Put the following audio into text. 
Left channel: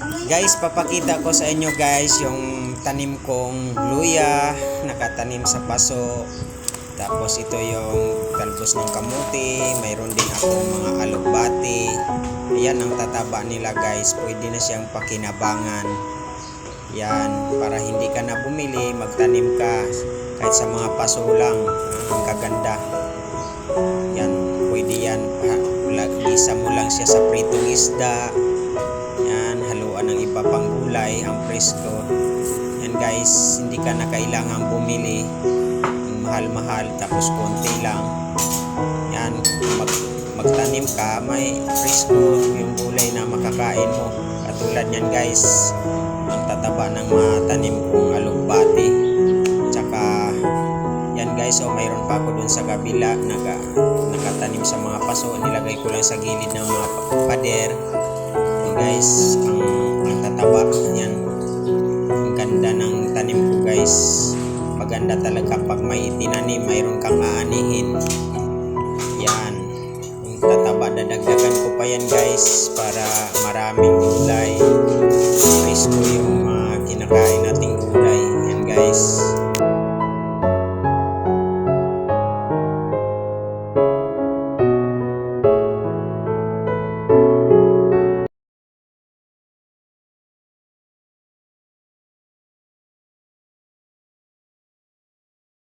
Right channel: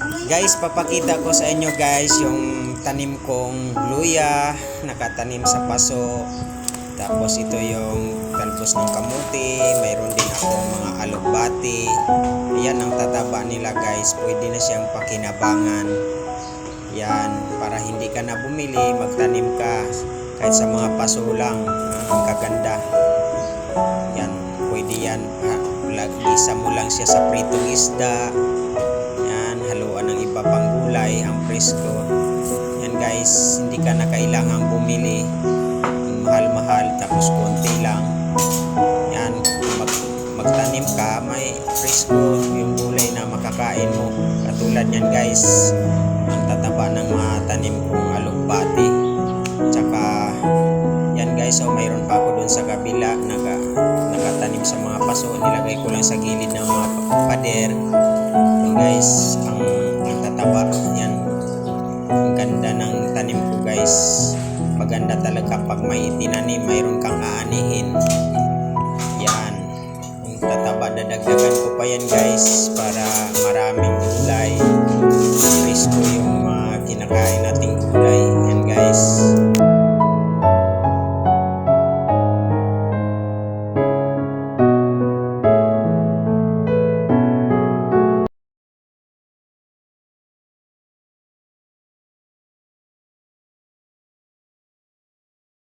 Guys, papakita ko sa inyo guys yung tanim kong luya, nakatanim sa paso. Tapos ito yung talbos ng kamuti, mayroon din akong mga alugbati. Ayan ang tataba nila guys, pwede na siyang pakinabangan. Yan, para hindi ka na bumili, magtanim ka kahit sa mga paso lang, ang kaganda. Yan, pwede yan, gisa mo lang siya sa pritong isda. Yan, haluan ng iba pang gulay, ang presko. Yan guys, hindi ka na kailangang bumili mahal-mahal, tapos konti lang. Yan, magtanim ka, may presko yung gulay na makakain mo. Katulad yan guys, ang tataba ng mga tanim kong alugbati. Tsaka yan guys, mayroon pa ako dun sa kabila, nakatanim sa mga paso. Nilagay ko lang sa gilid ng mga pader. Yan guys, ang tataba yan. Ang ganda ng tanim ko guys. Maganda talaga pag may itinanim, mayroon kang aanihin. Yan, yung tataba, dadagdagan ko pa yan guys para maraming gulay. Presko yung mga kinakain nating gulay. Yan guys.